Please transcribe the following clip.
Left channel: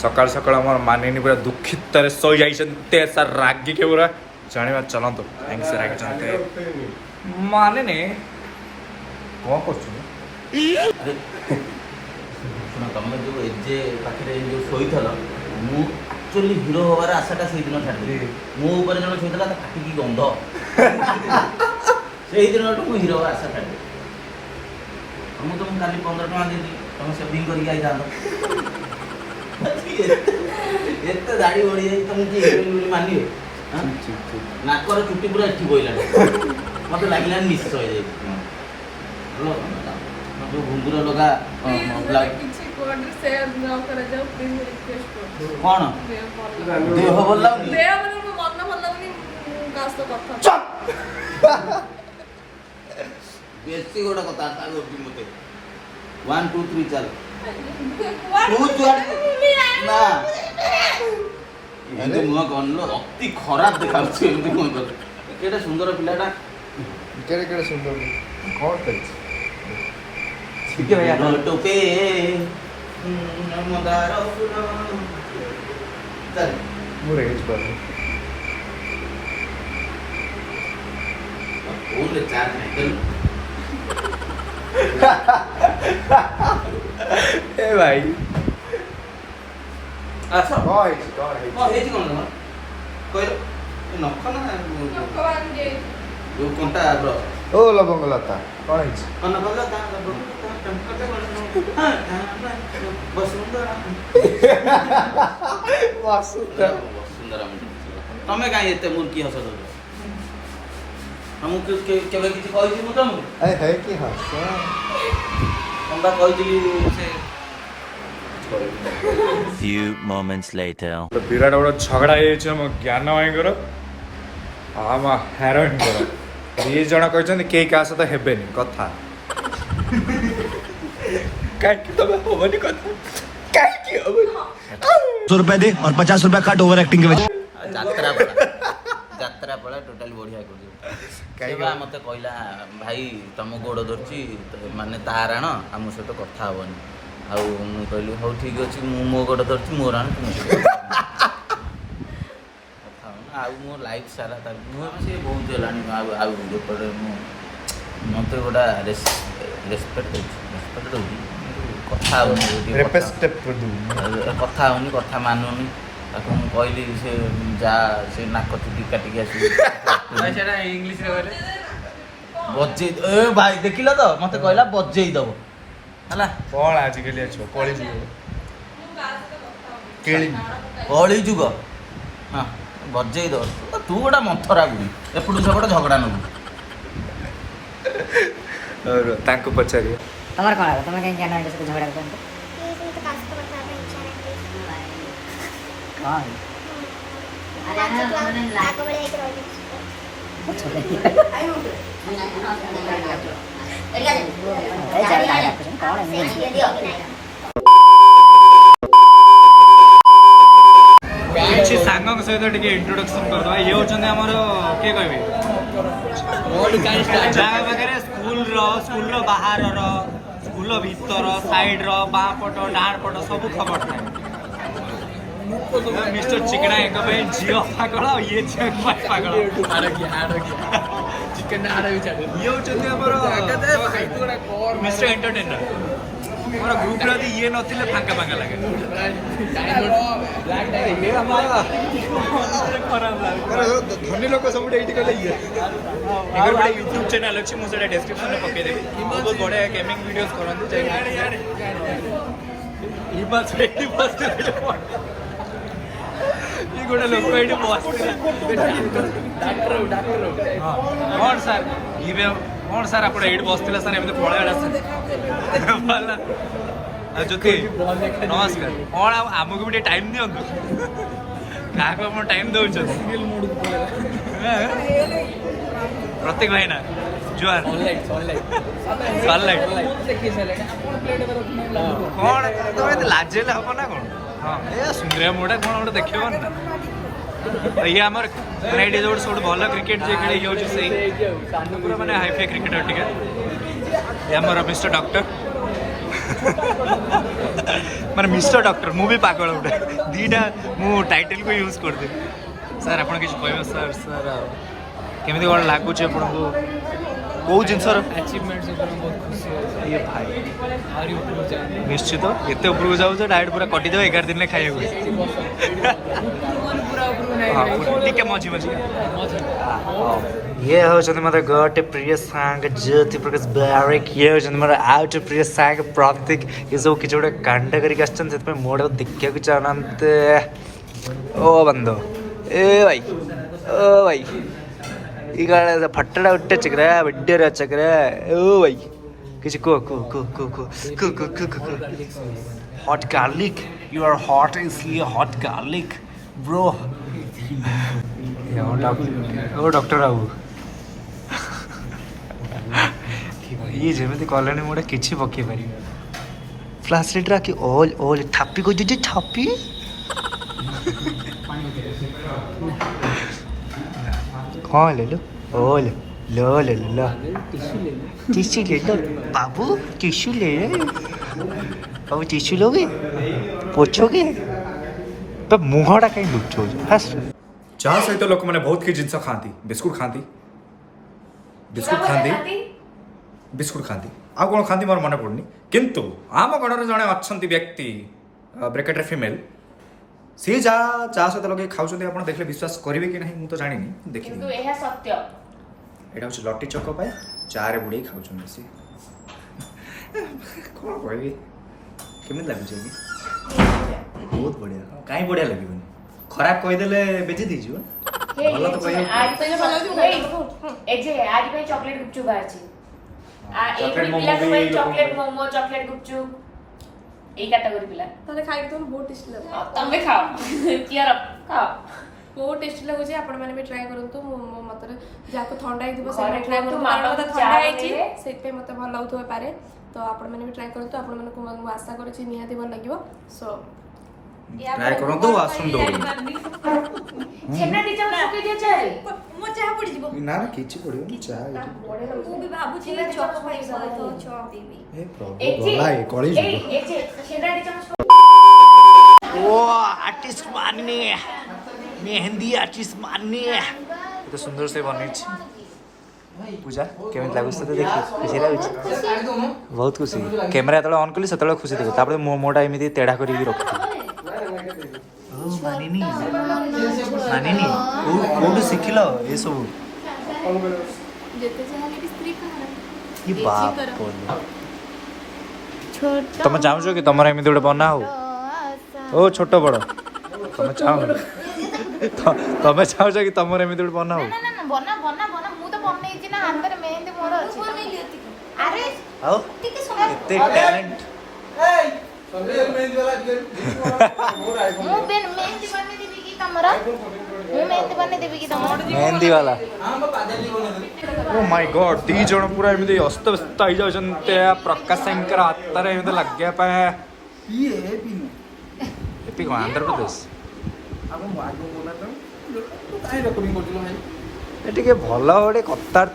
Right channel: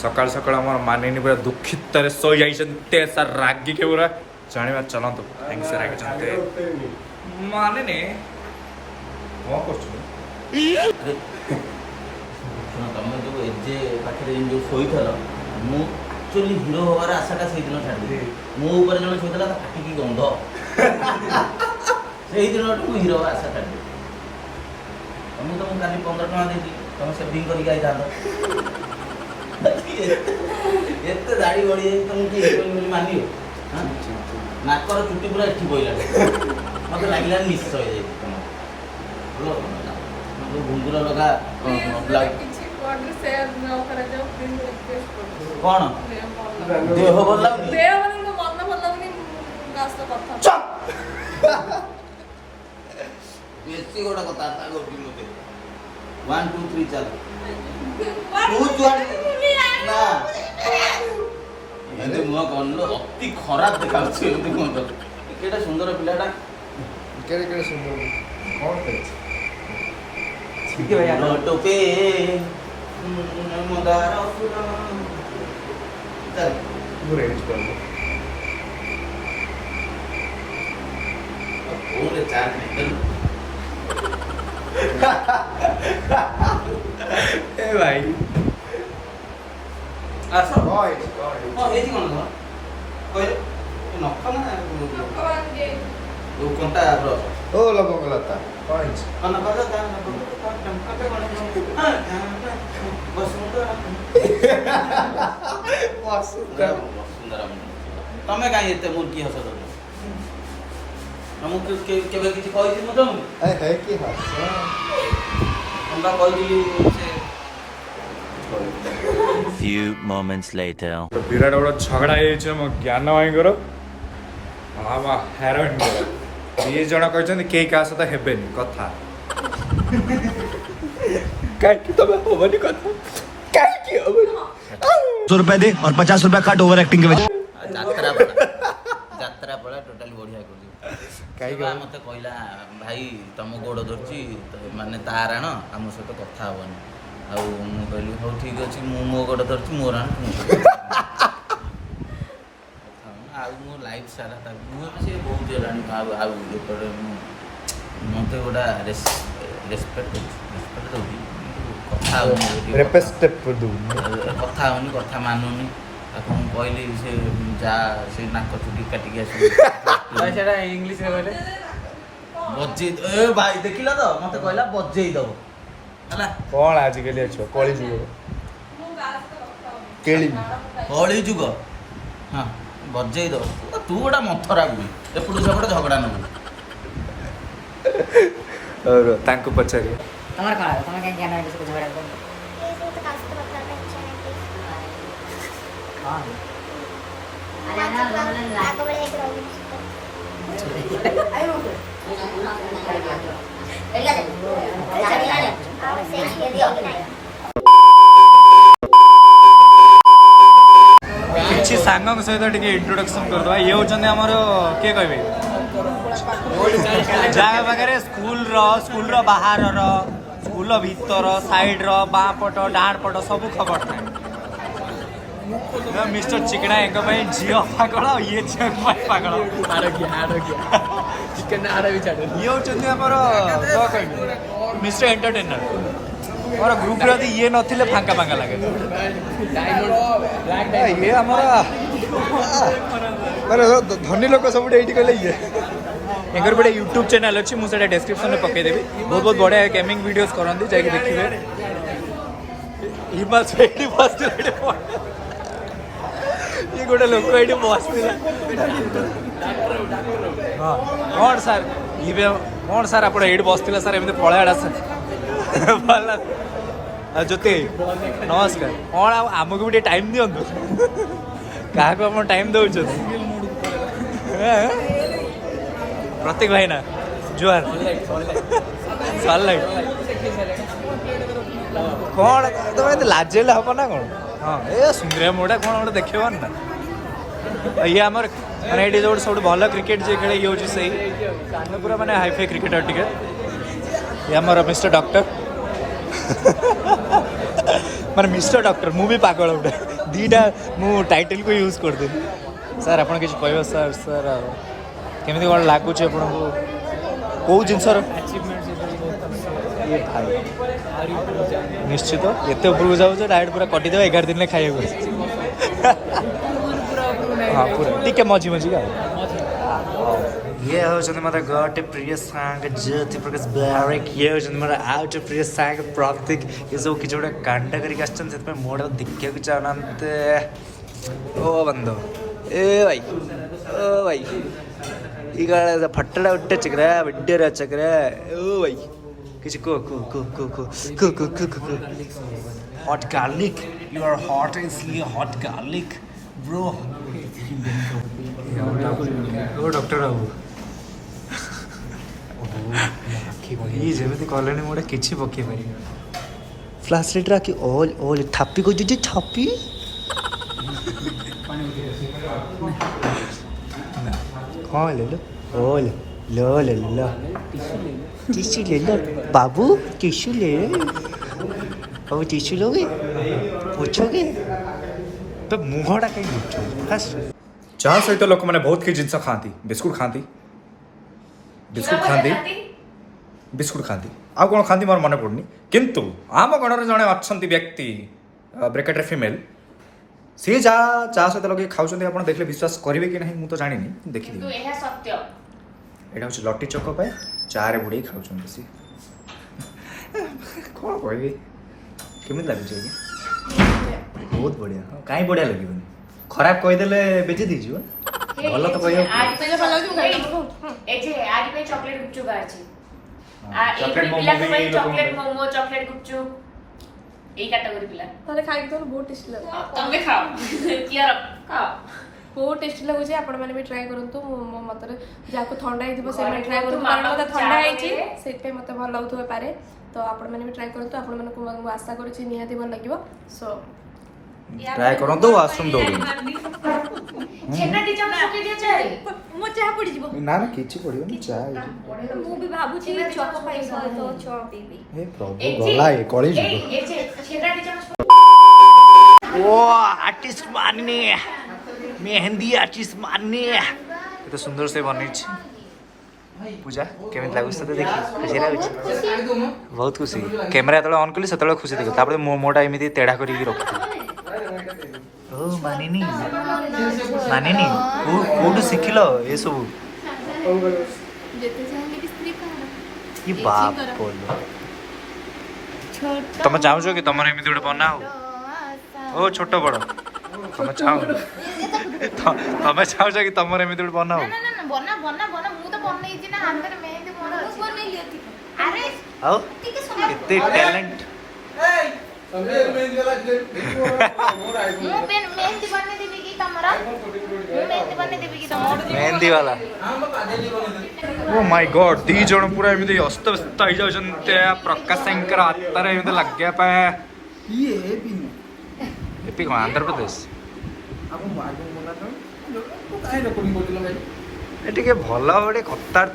सकाल सकाल आम मानिनी पूरा दुखित शो जाइए सर रागी के पूरा जाना चलतु कहीं से रागी मानिनी कौन कर तुम जो एजे पाखे जो शोल मुझे हिरो हबार आशाटा से दिन छाड़ी मुझे जन शोला तो फाटिकी गंध से दिन मुझे हिरो हबार आशा छाड़ी तुमको तो मुझे 15 टका दे तुम सेविंग करते दाढ़ी बढ़ी जाए तुमको हिरोइन मानिए नाकर चुट्टी पूरा एठी बोला मत लगे निश्चय घुंगुर लगा कौन देह भल बेसी गोटे कथा गोटी मत 1 2 3 चल ना एमती मुह कौन अति खराब देखा मुह सुंदर पिलाटा सुंदर कौन टोपे मंदार फूल चल मोर एज पर फोन ले चार घंटे ए भाई आस हे कोन कहले नख ना जो कोनटा ब्रश ओ लबंग लता कौन कौन कहला ता वसुंधरा तमें कहीं एत मुर्गी हस तुमको केवे किसी कही मु तुमको कही Few moments later. विराट बड़ा झगड़ा हो ज्ञान भाईर आम हेरोइन ये जन कहते कई क्या सहित हेबेनि कथा ₹100 दे और ₹50 काट ओवर एक्टिंग के वजह যাত্রা পড়া টোটালি বড়িয়া করছি কাইবা মতে কইলা ভাই তম গোড় ধরছি মানে তার আণ ଆମ ସହିତ କଥା ହବନି ଆଉ ମୁଁ କହିଲି ହଉ ଠିକ ଅଛି ମୁଁ ମୋ ଗୋଡ଼ ଧରଛି ମୋର ଆଣ ତୁମ ସହିତ କଥା ହବନି ଆଉ ମୋ ଲାଇଫ ସାରା ତା ମୁଁ ସେ ବହୁତ ହେଲାଣି ଆଉ ଏପଟେ ମୁଁ ମତେ ଗୋଟା ରେସପେକ୍ଟ ଦଉଛି କଥା ହଉନି କଥା ହଉନି କଥା ମାନୁନି ତାକୁ ମୁଁ କହିଲି ସେ ଯା ସେ ନାକ ଚୁଟି କାଟିକି ଆସିବି ସେଟା ଇଂଲିଶରେ କହିଲେ ବଜେଇ ଏ ଭାଇ ଦେଖିଲ ତ ମତେ କହିଲା ବଜେଇ ଦବ ହେଲା କଣ ଆଜିକାଲି ଅଛ କଳି ଯୁଗ କଳି ଯୁଗ ହଁ ବଜେଇ ଦବ ତୁ ଗୋଟା ମନ୍ଥରା ବୁଲି ଏପଟୁ ସେପଟେ ଝଗଡ଼ା ନବୁ ତାଙ୍କୁ ପଚାରିଏ ତମର କଣ ତମେ କାଇଁ ଜ୍ଞାନ ହେଇଛ ଝଗଡ଼ା କରୁଛ କିଛି ସାଙ୍ଗଙ୍କ ସହିତ ଟିକେ ଇଣ୍ଟ୍ରୋଡକ୍ସନ କରିଦେବା ଇଏ ହେଉଛନ୍ତି ଆମର କିଏ କହିବେ ଯାହା ପାଖରେ ସ୍କୁଲର ବାହାରର ସ୍କୁଲ ଭିତର ସାଇଡ୍ର ବାଁ ପଟ ଡାହାଣ ପଟ ସବୁ ଖବର ଥାଏ मिस्टर चिकना झील पागल ये झील पागल ये हूँ मिस्टर एंटरटेनर मोर ग्रुप ये नथिले फांका फांका लगे ये धनी लोक सब ये एंकर बड़े यूट्यूब चैनल अच्छी मुझे डिस्क्रिप्शन में पकईदेवी बहुत बहुत बढ़िया गेमिंग वीडियोस करते जाके देखिए ये गोटे लोक ये बसला हाँ कौन सार ये कौन सार आप बसला सार एमती पलैड़ा सार भला ज्योति नमस्कार कौन आमको भी टाइम दिंतु क्या आप टाइम दौर प्रतीक भाई ना जुआर सनलाइट कौन तुम लाजेले हम ना कौन हाँ ये सुंदरिया मोटा कौन गोटे देख ना ये आमर मैंने ये जो सब भल क्रिकेट जे खेले ये हूँ से पूरा मैंने हाईफाई क्रिकेटर टे ये आमर मिस्टर डॉक्टर ମାନେ ମିଷ୍ଟର ଡକ୍ଟର ମୁଁ ବି ପାଗଳ ଗୋଟେ ଦୁଇଟା ମୁଁ ଟାଇଟେଲକୁ ୟୁଜ୍ କରିଦେଲି ସାର୍ ଆପଣ କିଛି କହିବେ ସାର୍ ସାର୍ କେମିତି କ'ଣ ଲାଗୁଛି ଆପଣଙ୍କୁ କେଉଁ ଜିନିଷର ଇଏ ଭାଇ ନିଶ୍ଚିତ ଏତେ ଉପରକୁ ଯାଉଛ ଡାଇରେକ୍ଟ ପୁରା କଟିଦେବ 11 ଦିନରେ ଖାଇବାକୁ ହଁ ପୁରା ଟିକେ ମଝି ମଝିକା ଇଏ ହେଉଛନ୍ତି ମୋର ଗୋଟେ ପ୍ରିୟ ସାଙ୍ଗ ଜ୍ୟୋତି ପ୍ରକାଶ ବାରିକ ଇଏ ହେଉଛନ୍ତି ମୋର ଆଉ ଗୋଟେ ପ୍ରିୟ ସାଙ୍ଗ ପ୍ରତୀକ ଏସବୁ କିଛି ଗୋଟେ କାଣ୍ଡ କରିକି ଆସିଛନ୍ତି ସେଥିପାଇଁ ମୋଡ଼ ଦେଖିବାକୁ ଚାହୁଁନାହାନ୍ତି ଓ ବନ୍ଧ ଏ ଭାଇ ଓ ଭାଇ ಈಗ ಫಟ್ಟಡ ಹೊಟ್ಟೆ ಚಕ್ರ ಬಡ್ಡಿಯರ ಚಕ್ರ ಓ ವೈ ಕಿಸಿ ಕೋ ಕೋ ಕೋ ಕೋ ಕೋ ಕೋ ಕೋ ಕೋ ಕೋ ಕೋ hot garlic you are hot is hot garlic bro ଓ ଡକ୍ଟର ବାବୁ ଇଏ ଯେମିତି କଲେଣି ମୁଁ ଗୋଟେ କିଛି ପକେଇ ପାରିବି ଫ୍ଲାସ୍ ଲାଇଟ୍ରେ କି ଅଲ୍ ଅଲ୍ ଥାପି କହିଛି ଥାପି हाँ ले लो ओ लो ले लो टिश्यू ले लो बाबू टिश्यू ले लो बाबू टिश्यू लोगे पोछोगे तो मुहटा कहीं लुचो फास्ट चाह सहित लोक मैंने बहुत किसी जिनस खाती बिस्कुट खाती बिस्कुट खाती आ कौन खाती मोर मन पड़नी किंतु आम गणर जड़े अच्छा व्यक्ति ब्रेकेट्रे फिमेल सी जा चा सहित लगे खाऊँ आप देखले विश्वास करेंगे कि नहीं मुझे जानी देखी यहाँ हूँ लटी चक चा रे बुड़े खाऊँ कौन कह केमी लगे बहुत बढ़िया कहीं बढ़िया लगे खराब कहीदे बेची दीजिए भल तो चॉकलेट मोमो चॉकलेट गुपचुप এই ক্যাটাগরি পিলা তাহলে খাই তো বহুত টেস্টি লাগে তুমি খাও কিয়ার খাও ବହୁତ ଟେଷ୍ଟି ଲାଗୁଛି ଆପଣମାନେ ବି ଟ୍ରାଏ କରନ୍ତୁ ମୋ ମତରେ ଯାହାକୁ ଥଣ୍ଡା ହେଇଥିବ ସେମାନେ ଟ୍ରାଏ କରନ୍ତୁ କାରଣ ମୋତେ ଥଣ୍ଡା ହେଇଛି ସେଥିପାଇଁ ମୋତେ ଭଲ ଲାଗୁଥିବ ପାରେ ତ ଆପଣମାନେ ବି ଟ୍ରାଏ କରନ୍ତୁ ଆପଣମାନଙ୍କୁ ମୁଁ ଆଶା କରୁଛି ନିହାତି ଭଲ ଲାଗିବ ସୋ ट्राई करंतु आश्रम दौड़ी ଛେନା ଦି ଚାମଚ ପକେଇ ଦିଅ ଚାରେ ମୋ ଚାହା ପଡ଼ିଯିବ ना ना किछि पड़ियो चा ମୁଁ ବି ଭାବୁଛି ଚକ ପାଇଁ ସହିତ ଚ ପିଇବି ए प्रभु गला ए कळी এই এই যে ଛେନା ଦି ଚାମଚ ओ आर्टिस्ट मानने मेहंदी आर्टिस्ट मानने ये तो सुंदर से बनै छी पूजा केमित लागु से देखि खुशी लागु बहुत खुशी कैमरा तळे ऑन कली सतळे खुशी देखो तापर मोटा एमिति तेढा करी रखती ओ मानिनी कोड सिखिलो ए सब ଯେତେ ଚାହିଁଲେ ବି ସ୍ତ୍ରୀ କାହାର ये बाप बोलो तुम चाहो कि तुम एमती गोटे बना हो ओ छोट बड़ तुम चाहो तुम चाहो कि तुम एमती गोटे बना हो ବନା ବନା ବନା ମୁଁ ତ ବନେଇଛି ନା ହାତରେ ମେହେନ୍ଦି ମୋର ଅଛି ଆରେ आओ कितने टैलेंट ମୁଁ ମେହେନ୍ଦି ବନେଇ ଦେବି କି ତମର ମୁଁ ମେହେନ୍ଦି ବନେଇ ଦେବି କି ତମର मेहंदी वाला ओ माय गॉड दी जण पूरा एमती अस्त व्यस्त हो जाउछन्ते प्रकाश शंकर हातर एमती लाग्या पे ये पिनु एपी को आंध्र प्रदेश आगो आगो मोना तो काहे रेकॉर्डिंग करथिलो भाई ए टिके भलो गोटे कतार